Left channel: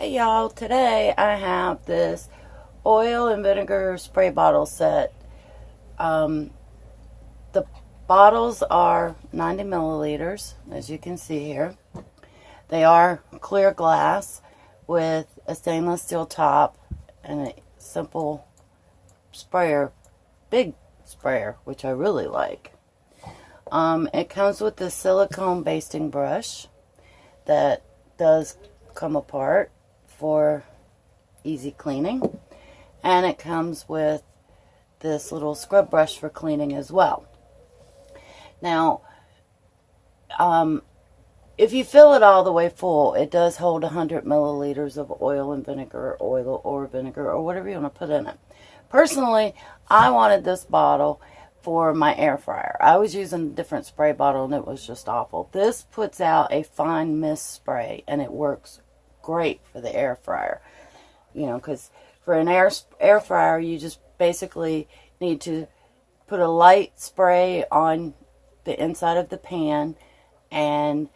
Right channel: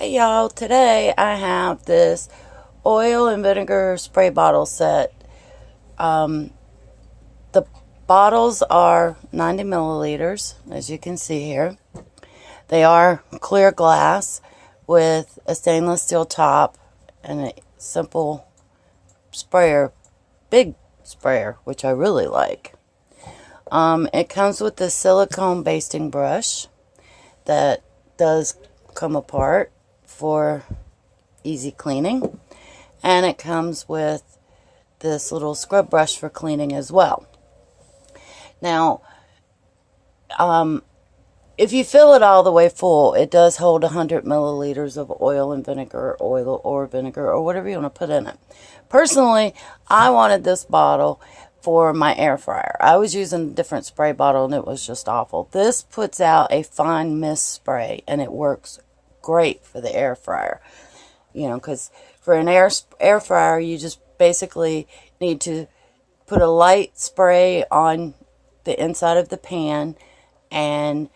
Hey y'all, today I have this oil and vinegar spray bottle set. The bottles are 90 milliliters, as you can see here. They are clear glass with a stainless steel top and a simple sprayer, big sprayer, which I really like. It comes with the silicone basting brush that does come apart for easy cleaning, and it comes with this little scrub brush for cleaning as well. Now, if you fill it all the way full, it does hold 100 milliliters of oil or vinegar, or whatever you want to put in it. Personally, I wanted this bottle for my air fryer. I was using a different spray bottle and it was just awful. This puts out a fine mist spray and it works great for the air fryer. You know, because for an air fryer, you just basically need to put a light spray on the inside of the pan, and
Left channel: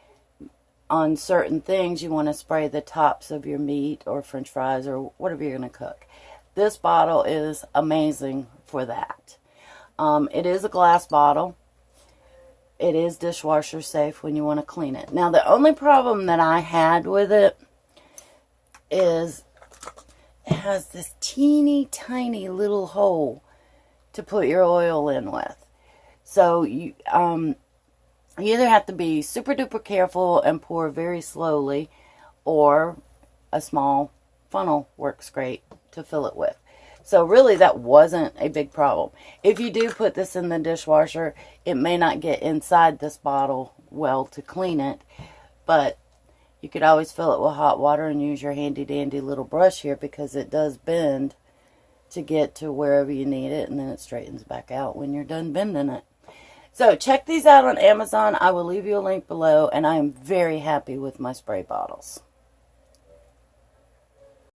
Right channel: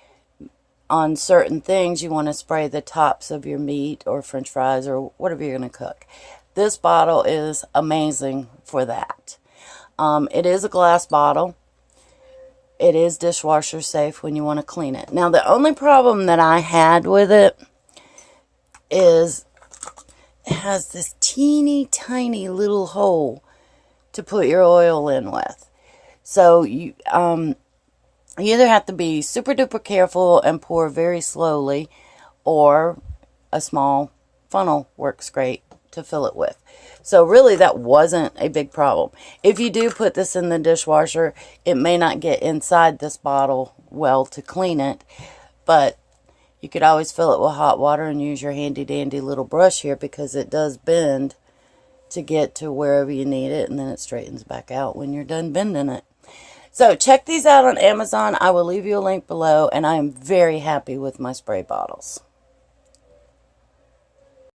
on certain things you want to spray the tops of your meat or french fries or whatever you're going to cook. This bottle is amazing for that. It is a glass bottle. It is dishwasher safe when you want to clean it. Now, the only problem that I had with it is it has this teeny tiny little hole to put your oil in with. So you either have to be super duper careful and pour very slowly, or a small funnel works great to fill it with. So really that wasn't a big problem. If you do put this in the dishwasher, it may not get inside this bottle well to clean it, but you could always fill it with hot water and use your handy dandy little brush here, because it does bend to get to wherever you need it, and then it straightens back out when you're done bending it. So check these out on Amazon. I will leave you a link below, and I am very happy with my spray bottles.